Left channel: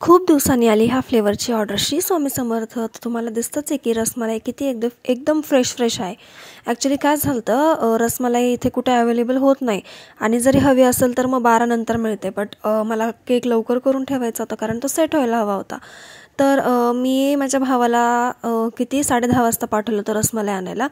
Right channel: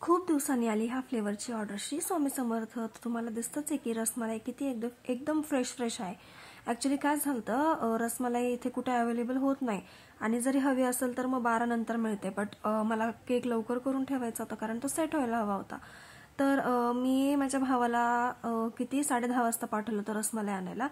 खूप दिवसांनी आली ह्या फ्लेवरची ऑर्डर. श्री स्वामी समर्थ. तर तुम्हाला दिसतंच आहे की रसमलाई किती एकदम एकदम फ्रेश आहे. ॲक्च्युली काय झालं होतं, रसमलाई इथे कुठे अवेलेबल होत नाही आणि जरी हवी असेल तर मग 12 नंतर मिळते. बट मला केक लवकर करून ठेवायचा होता कारण तो सेट व्हायला हवा होता. तर मी माझ्या भावाला किती 10:30 वाजता पाठवलं होतं रसमलाई आणायला.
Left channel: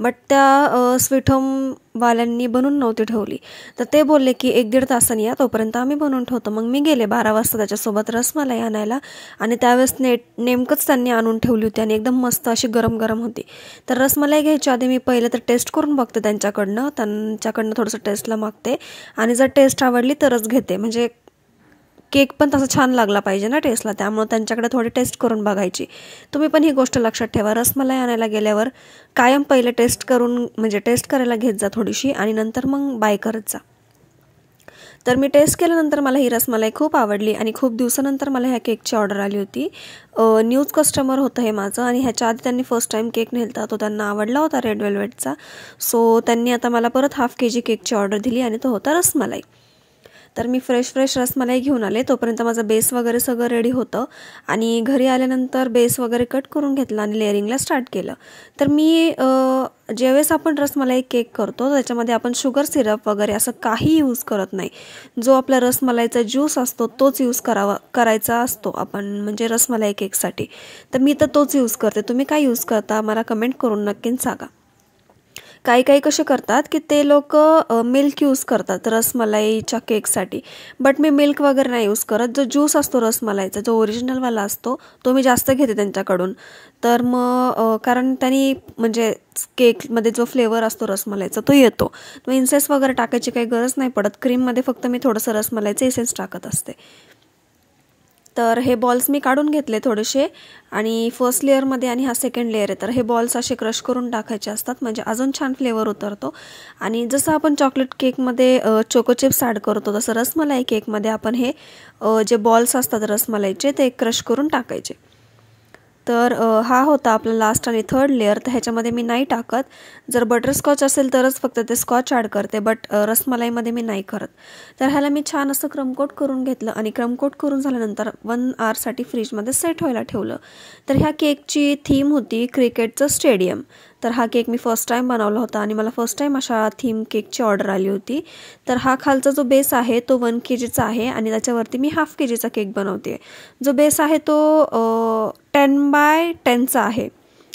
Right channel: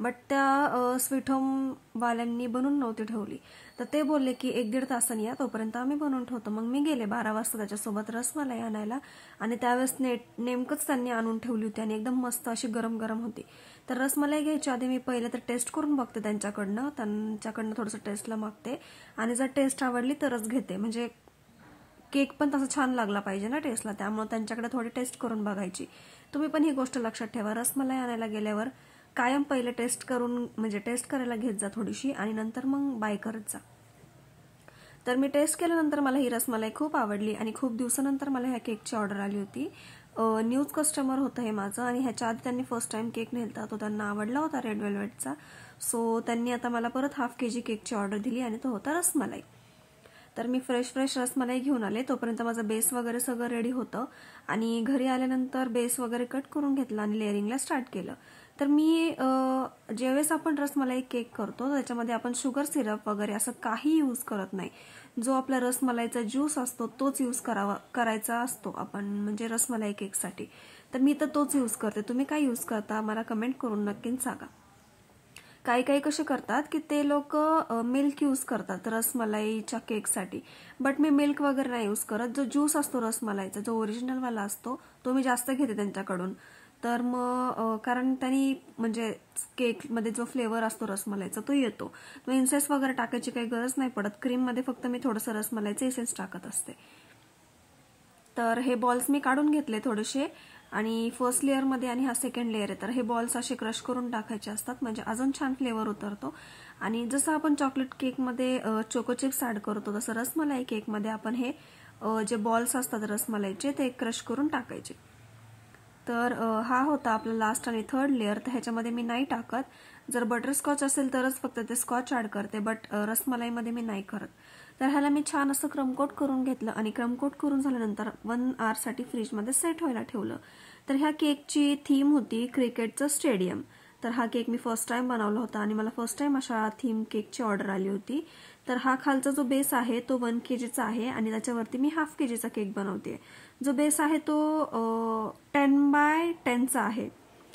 बट त्या स्वीट होमवाल्यांनी बनवून नव्हती ठेवली. तर ते बोलले की 1-1.5 तासांनी या, तोपर्यंत आम्ही बनवून ठेवतो. मग मी गेले 12 वाजता त्याच्यासोबत रसमलाई आणायला आणि त्यावेळेस नेमकंच त्यांनी आणून ठेवली होती आणि एकदम मस्त अशी गरम गरम होती. तर रसमलाई घ्यायच्या आधी मी पहिले तर टेस्ट करून बघते त्यांच्याकडनं थोडंसं टेस्टला मागते आणि जर टेस्ट आवडली तरच घेते. म्हणजे केक पण तसा छान लागला पाहिजे ना टेस्टला, त्यामुळे त्यांच्याकडे थोडी टेस्ट करून बघायची. तुम्ही पण ही गोष्ट लक्षात ठेवा. रसमलाई आणायला गेल्यावर कायम पहिले टेस्ट करायला घेत जा थोडीशी आणि नंतर मग बाय करत जा. तर मी टेस्ट केल्यानंतर मला ही रसमलाई खूप आवडली आणि खूप दिवसानंतर मला ह्या केकची ऑर्डर आली होती. न्यूज कस्टमर होतं हे माझं आणि ह्याच्या आधी त्यांनी फर्स्ट टाईम केक नेलता, तो त्यांना आवडला होता रेड वेल्वेटचा. सो त्यांनी आता मला परत ½ kg केकची ऑर्डर दिली आणि तो होता रसमलाई. तर मी फ्रेश रसमलाई घेऊन आले. तोपर्यंत माझं बेस वगैरे सगळं रेडी होतं आणि घरी आल्यानंतर बेस वगैरे कट करून घेतला आणि लेअरिंगला स्टार्ट केलं. तर मी ज्यावेळेस आपण रसमलाई केक करतो त्याच्यामध्ये आपण शुगर सिरप वगैरे असं काही यूज करत नाही. जो आपला रसमलाईचा ज्यूस असतो तोच यूज करायचा असतो आपण, म्हणजे रसमलाई केकसाठी. तर मी तर तोच यूज करते. तुम्ही काय यूज करता मला कमेंट करून नक्कीच सांगा. काही कसे करतात की ते लोक मिल्क यूज करतात रसमलाईच्या केकसाठी. बट मी मिल्क वगैरे नाही यूज करत. जो ज्यूस असतो रसमलाईचा, जो ओरिजिनलवाला असतो तो मी जास्त घेते त्यांच्याकडून. तर मग कारण त्यांनी म्हणजे केकमध्ये जो फ्लेवर असतो रसमलाईचा तो येतो. मग इन्सेन्स वगैरे टाकायची काही गरज नाही पडत. क्रीममध्ये फक्त मी थोडंसं रसमलाईचं इसेन्स टाकत असते. तर हे बॉल्स मी काढून घेतले थोडेसे आणि फर्स्ट लेअरमध्ये आणि हा सेकंड लेअर आहे. तर हे बॉल्स असे क्रश करून टाकायचे असतात म्हणजे अजून छान फ्लेवर उतरतो. आणि जसं आपण चॉकलेट केकमध्ये चोको चिप्स ॲड करतो तसं रसमलाई केकमध्ये आपण हे जे बॉल्स असतात रसमलाईचे ते क्रश करून टाकायचे. तर हा होता आपला लास्ट आणि थर्ड लेअर. तर ह्याच्यामध्ये मी नाही टाकत. जर बटरस्कॉच असेल तरच फक्त ते स्कॉच ॲड करते, बट रसमलाईमध्ये मी नाही करत. तर ह्याला मी छान असं क्रमकोट करून घेतलं आणि क्रमकोट करून झाल्यानंतर 1 आवरसाठी फ्रीजमध्ये सेट व्हायला ठेवलं. तर ह्या केकची थीम होती क्रिकेटचं स्टेडियम. तर हा केक मी फर्स्ट टाईम बनवला होता आणि मला फर्स्ट टाईम अशा थीम केकची ऑर्डर आली होती. तर हा खालचा जो बेस आहे तो 1 kgचा आहे आणि त्याच्यावरती मी ½ kgचा केक बनवते. जो बेस आहे तो 10x10चा आहे.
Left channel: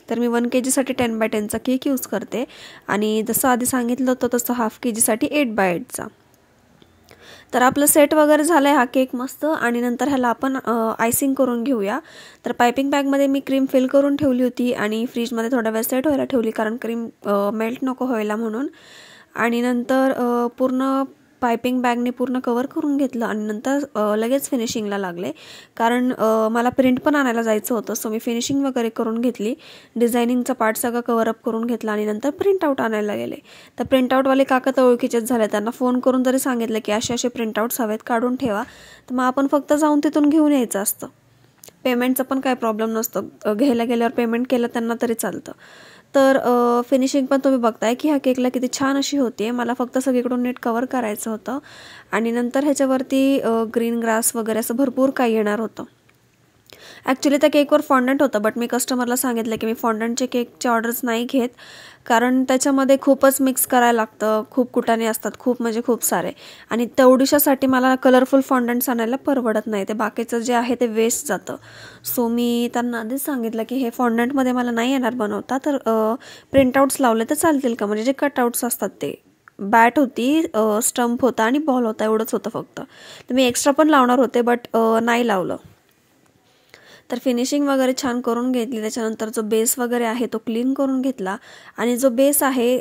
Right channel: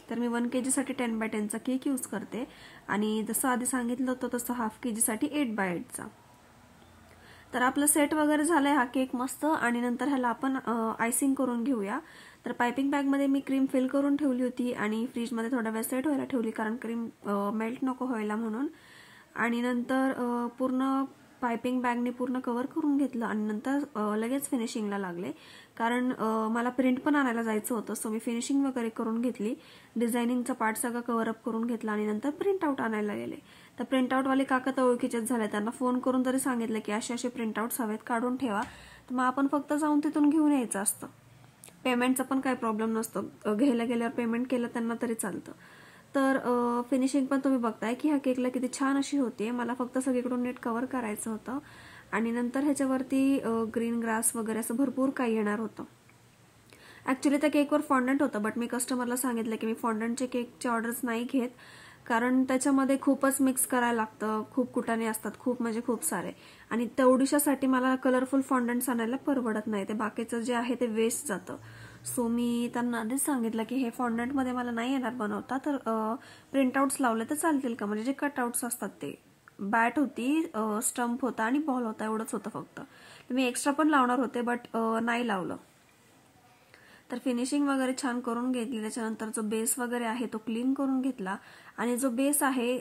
तर मी 1 kgसाठी 10x10चा केक यूज करते आणि जसं आधी सांगितलं होतं तसं ½ kgसाठी 8x8चा. तर आपलं सेट वगैरे झालं आहे हा केक मस्त. आणि नंतर ह्याला आपण आयसिंग करून घेऊया. तर पायपिंग बॅगमध्ये मी क्रीम फिल करून ठेवली होती आणि फ्रीजमध्ये थोडा वेळ सेट व्हायला ठेवली कारण क्रीम मेल्ट नको व्हायला म्हणून. आणि नंतर पूर्ण पायपिंग बॅगने पूर्ण कवर करून घेतलं आणि नंतर लगेच फिनिशिंगला लागले कारण मला प्रिंट पण आणायला जायचं होतं. सो मी फिनिशिंग वगैरे करून घेतली. डिझायनिंगचा पार्ट सगळं कवरअप करून घेतला आणि नंतर प्रिंटआउट आणायला गेले. तर प्रिंटआउटवाले काका तर ओळखीचेच झाले. त्यांना फोन करून जरी सांगितलं की असे प्रिंटआउट्स हवेत काढून ठेवा, तर मग आपण फक्त जाऊन तिथून घेऊन यायचं असतं. पेमेंटचा पण काही प्रॉब्लेम नसतो. घ्यायला गेल्यावर पेमेंट केलं त्यांना तरी चालतं. तर फिनिशिंग पण तुम्ही बघताय की ह्या केकला किती छान अशी होती आहे. मला फक्त सगळीकडून नीट कवर करायचं होतं आणि नंतर ह्याच्यावरती ग्रीन ग्रास वगैरे असं भरपूर काही येणार होतं. ॲक्च्युली त्या केकवर फॉन्डंट होतं, बट मी कस्टमरला सांगितलं की मी फॉन्डंटचे केकचे ऑर्डर्स नाही घेत कारण त्याच्यामध्ये खूपच मिक्स करायला लागतं. खूप कुटाणे असतात, खूप म्हणजे खूप सारे. आणि तेवढीशासाठी मला कलरफुल फॉन्डंट्स आणायला परवडत नाही. ते बाकीचं जे आहे ते वेस्ट जातं. सो मी त्यांना आधीच सांगितलं की हे फॉन्डंटमध्ये मला नाही येणार बनवता, तर प्रिंटआउट्स लावले तर चालतील का. म्हणजे जे कटआउट्स असतात ते बॅट होती, स्टंप होता आणि बॉल होता, एवढंच होतं फक्त. तर मी एक्स्ट्रा पण लावणार होते बट नाही लावलं. तर फिनिशिंग वगैरे छान करून घेतली. त्याच्यानंतर जो बेस वगैरे आहे तो क्लीन करून घेतला आणि जो बेस आहे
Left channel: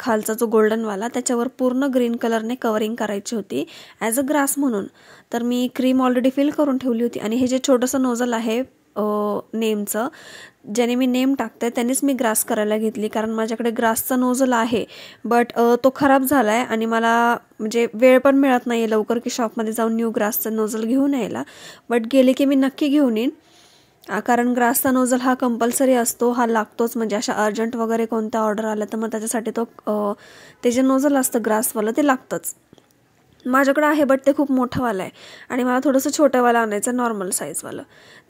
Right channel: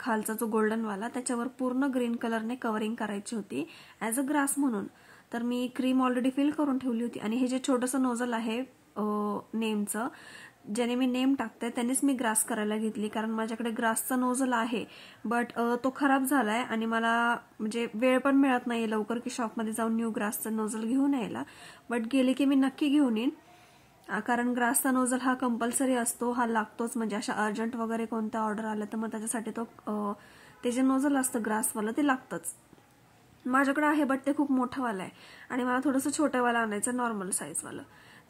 खालचा जो गोल्डनवाला त्याच्यावर पूर्ण ग्रीन कलरने कवरिंग करायची होती ॲज अ ग्रास म्हणून. तर मी क्रीम ऑलरेडी फिल करून ठेवली होती आणि हे जे छोटंसं नोझल आहे नेमचं, ज्याने मी नेम टाकते त्यांनीच मी ग्रास करायला घेतली कारण माझ्याकडे ग्रासचा नोझल आहे बट तो खराब झाला आहे आणि मला म्हणजे वेळ पण मिळत नाही आहे लवकर की शॉपमध्ये जाऊन न्यू ग्रासचा नोझल घेऊन यायला. बट गेले की मी नक्की घेऊन येईन कारण ग्रासचा नोझल हा कंपल्सरी असतो, हा लागतोच. म्हणजे अशा अर्जंट वगैरे कोणत्या ऑर्डर आल्या तर मग त्याच्यासाठी ते जे नोझल असतं ग्रासवालं ते लागतंच. माझ्याकडे आहे बट ते खूप मोठंवालं आहे आणि मला थोडंसं छोटंवालं आणायचं नॉर्मल साईजवालं.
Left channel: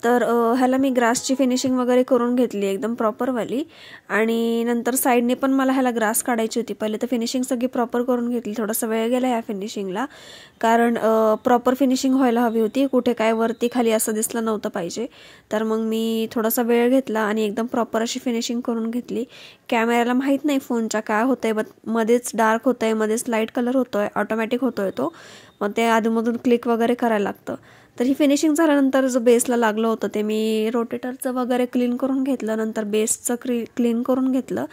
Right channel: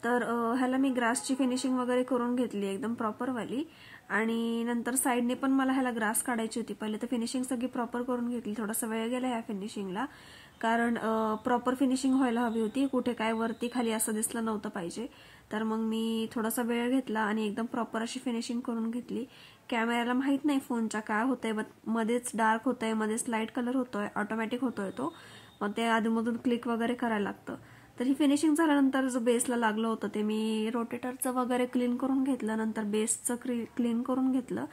तर ह्याला मी ग्रासची फिनिशिंग वगैरे करून घेतली एकदम प्रॉपरवाली. आणि नंतर साईडने पण मला ह्याला ग्रास काढायची होती. पहिले तर फिनिशिंग सगळी प्रॉपर करून घेतली. थोडासा वेळ गेला ह्या फिनिशिंगला, कारण प्रॉपर फिनिशिंग व्हायला हवी होती. कुठे काय वरती खाली असं दिसलं नव्हतं पाहिजे. तर मग मी थोडासा वेळ घेतला आणि एकदम प्रॉपर अशी फिनिशिंग करून घेतली. कॅमेऱ्याला माहीत नाही फोनच्या काय होतं आहे, बट मध्येच डार्क होतं आहे, मध्येच लाईट कलर होतो आहे, ऑटोमॅटिक होतो आहे तो. मग ते आधीमधून क्लिक वगैरे करायला लागतं. तर ही फिनिशिंग झाल्यानंतर जो बेसला लागलं होतं ते मी रोटेटरचं वगैरे क्लीन करून घेतलं. नंतर बेसचं क्लीन करून घेतलं,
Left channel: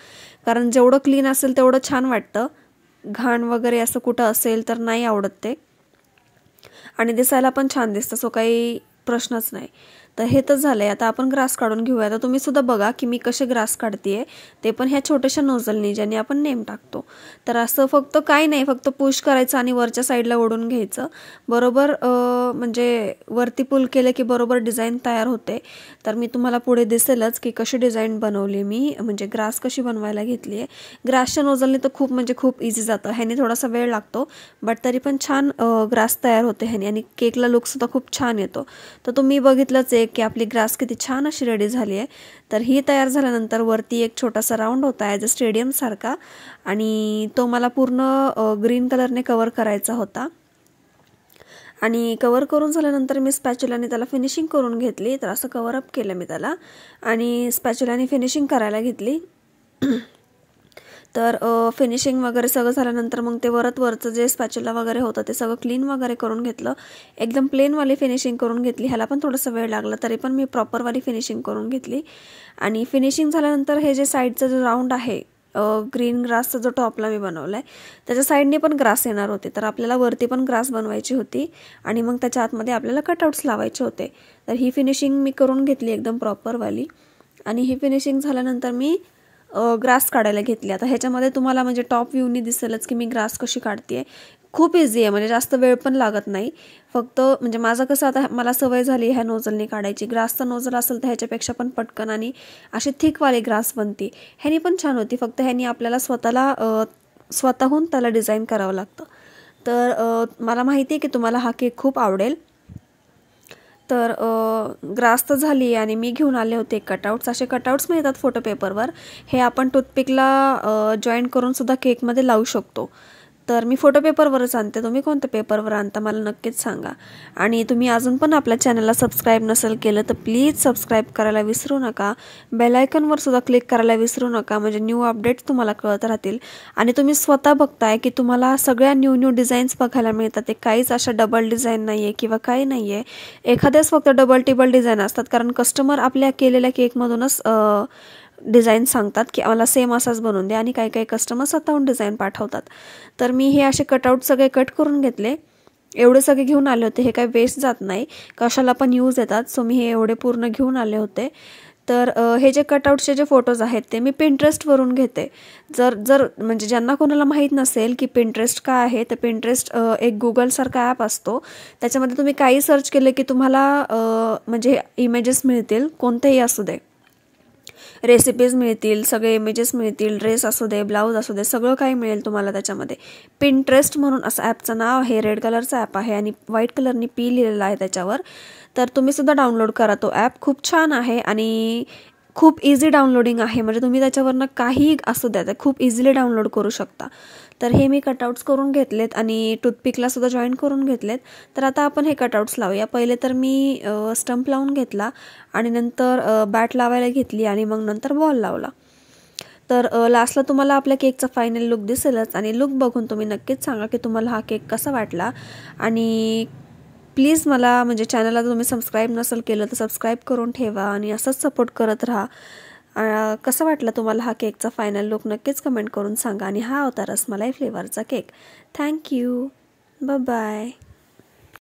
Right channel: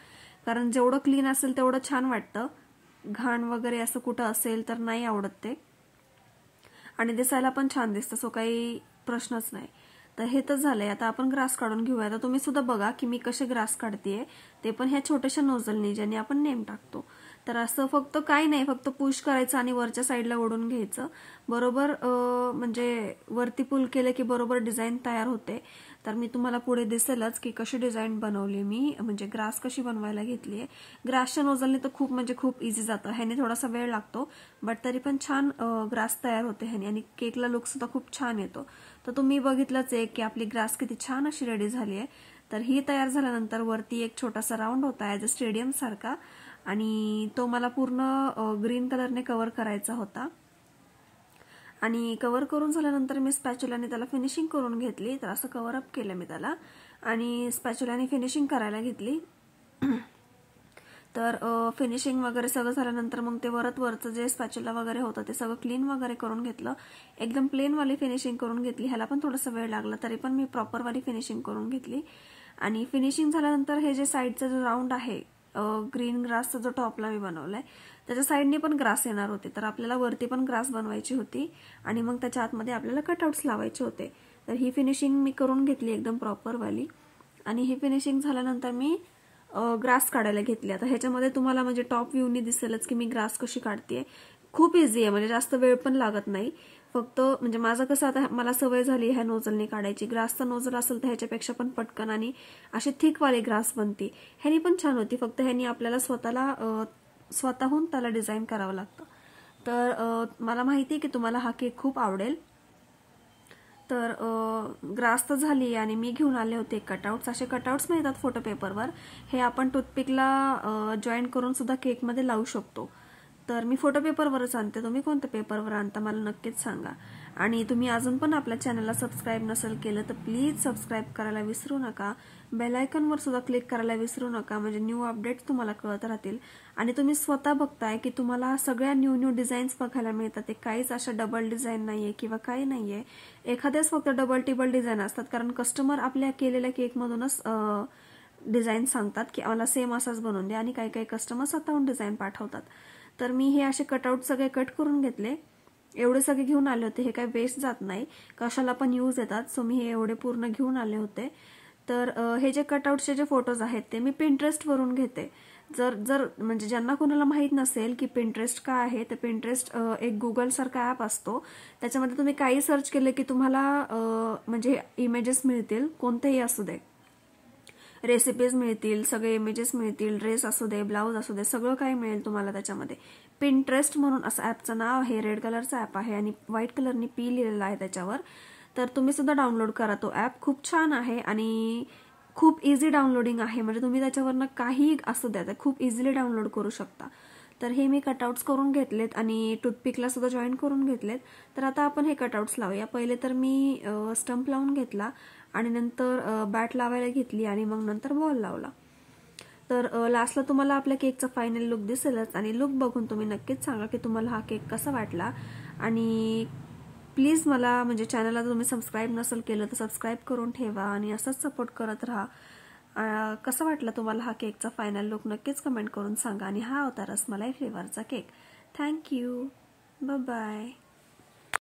कारण जेवढं क्लीन असेल तेवढं छान वाटतं. घाण वगैरे असं कुठं असेल तर नाही आवडत ते, आणि दिसायला पण छान दिसतं, सो काही प्रश्नच नाही. तर हे तर झालं आहे. आता आपण ग्रास काढून घेऊया. तर तुम्ही सुद्धा बघा की मी कसे ग्रास काढते आहे, ते पण ह्या छोट्याशा नोझलनी ज्याने आपण नेम टाकतो. तर असं फक्त काही नाही, फक्त पुश करायचं आणि वरच्या साईडला ओढून घ्यायचं. बरोबर म्हणजे वरती पुल केलं की बरोबर डिझाईन तयार होते. तर मी तुम्हाला पुढे दिसेलच की कशी डिझाईन बनवली मी, म्हणजे ग्रास कशी बनवायला घेतली आहे. ग्रासच्या नोझलनी तर खूप म्हणजे खूप इझी जातं. ह्याने थोडासा वेळ लागतो, बट तरी पण छान ग्रास तयार होते ह्याने, आणि केकला लुकसुद्धा खूप छान येतो. तर तुम्ही बघितलंच आहे की आपली ग्रास किती छान अशी रेडी झाली आहे. तर ही तयार झाल्यानंतर वरती एक छोटासा राऊंड होता ॲज अ स्टेडियमसारखा, आणि तो मला पूर्ण ग्रीन कलरने कवर करायचा होता. आणि कवर करून झाल्यानंतर मी स्पॅच्युलाने त्याला फिनिशिंग करून घेतली. तर असं कवरअप केलं मी त्याला आणि स्पॅच्युलाने फिनिशिंग करायला घेतली. तर फिनिशिंग वगैरे सगळं झाल्यानंतर मग ते वरचं जे स्पॅच्युला वगैरे होतं ते सगळं क्लीन वगैरे करून घेतलं. एकदम प्लेनवाली फिनिशिंग करून घेतली. ह्याला पण थोडासा वेळ लागला, तरी पण मी प्रॉपरवाली फिनिशिंग करून घेतली. आणि फिनिशिंग झाल्यानंतर हे जे साईडचा जो राऊंड आहे, ग्रीन ग्रासचा जो टॉपला मी बनवला आहे, त्याच्या साईडने पण ग्रास येणार होते. तर आपल्याला वरती पण ग्रास बनवायची होती आणि मग त्याच्या आतमध्ये आपल्याला कटआउट्स लावायचे होते. तर ही फिनिशिंग मी करून घेतली एकदम प्रॉपरवाली. आणि ही फिनिशिंग झाल्यानंतर मी ग्रास काढायला घेतली. आता ह्याच्यामध्ये तुम्हाला म्हणजे टॉप व्ह्यूनी दिसेलच की मी ग्रास कशी काढते. खूप इझी आहे, म्हणजे जास्त वेळ पण लागत नाही. फक्त म्हणजे माझं कसं आता मला सवय झाली ह्या नोझलनी काढायची. ग्रासचा नोझल असेल तर ह्याच्यापेक्षा पण पटकन आणि अशी थिकवाली ग्रास बनते. ह्यानी पण छान होती, फक्त ह्यानी आपल्याला स्वतःहून त्याला डिझाईन करावं लागतं. तर मला माहिती आहे की तुम्हाला हा केक खूप आवडेल. तर ग्रास तर झाली आणि मी घेऊन आले होते कटआउट्स. असे कटआउट्स मिळतात फोटो पेपरवर. हे आपण टूथपिकला जॉईंट करून सुद्धा केकमध्ये लावू शकतो. तर मी फोटो पेपरवरच आणते. तुम्ही कोणत्या पेपरवर आणता मला नक्कीच सांगा. आणि तुम्ही अजून पण आपल्या चॅनलला सबस्क्राईब नसेल केलं तर प्लीज सबस्क्राईब करायला विसरू नका. बेल आयकॉनवर सुद्धा क्लिक करायला विसरू नका, म्हणजे न्यू अपडेट्स तुम्हाला कळत राहतील. आणि तुम्ही स्वतः बघताय की तुम्हाला सगळ्या न्यू डिझाईन्स बघायला मिळतात. ते काहीच अशा डबल डिझाईन नाही आहे किंवा काही नाही आहे. एखाद्याच फक्त डबल टिबल डिझाईन असतात, कारण कस्टमर आपल्या केलेल्या केकमधूनच डिझाईन सांगतात की आम्हाला सेम असाच बनवून द्या, आणि काही काही कस्टमर स्वतःहून डिझाईन पाठवतात. तर मी हे असे कटआउट सगळे कट करून घेतले. एवढे सगळे घेऊन आले होते. हे काही वेस्ट जात नाही, कशाला पण यूज येतात. सो मी हे एवढे पूर्ण घेऊन आले होते. तर हे जे कटआउटचे जे फोटोज आहेत ते मी पिंटरेस्टवरून घेते. जर म्हणजे ज्यांना कोणाला माहीत नसेल की पिंटरेस्ट काय आहे, तर पिंटरेस्ट एक गुगलसारखा ॲप असतो. त्याच्यामध्ये तुम्ही काही सर्च केलं की तुम्हाला म्हणजे इमेजेस मिळतील, कोणतेही असू दे. रेसिपीज मिळतील, सगळे इमेजेस मिळतील, ड्रेस असू दे, ब्लाऊज असू दे, सगळं काही मिळेल तुम्हाला त्याच्यामध्ये. पिंटरेस्ट म्हणून असं ॲपचं नाव आहे. रेड कलरचं ॲप आहे आणि व्हाईट कलरनी पी लिहिलेलं आहे त्याच्यावर. तर तुम्ही सुद्धा डाउनलोड करा तो ॲप. खूप छान आहे आणि खूप इझी डाउनलोडिंग आहे, म्हणजे तुम्ही त्याच्यावरनं काही असू द्या ते खूप इझिली डाउनलोड करू शकता. तर हे मी कटआउट्स करून घेतलेत आणि टूथपिकला सुद्धा जॉईन करून घेतलेत. तर आता आपण हे कटआउट्स लावूया. पहिले तर मी स्टंप लावून घेतला आणि नंतर बॅट लावायला घेतली आणि मग नंतर बॉल लावला. तर लास्टला तुम्हाला आपल्या केकचा फायनल लुक दिसेलच, आणि लुक बघून तुम्ही नक्कीच सांगा की तुम्हाला हा केक कसा वाटला. आणि प्लीज मला म्हणजे चॅनलला तुम्ही सबस्क्राईब नसेल केलं तर सबस्क्राईब करून ठेवा आणि असंच सपोर्ट करत राहा. कसा वाटला तुम्हाला हा केकचा फायनल लुक नक्कीच कमेंट करून सांगा. आणि हा होता रसमलाई फ्लेवरचा केक. थँक्यू. बाय.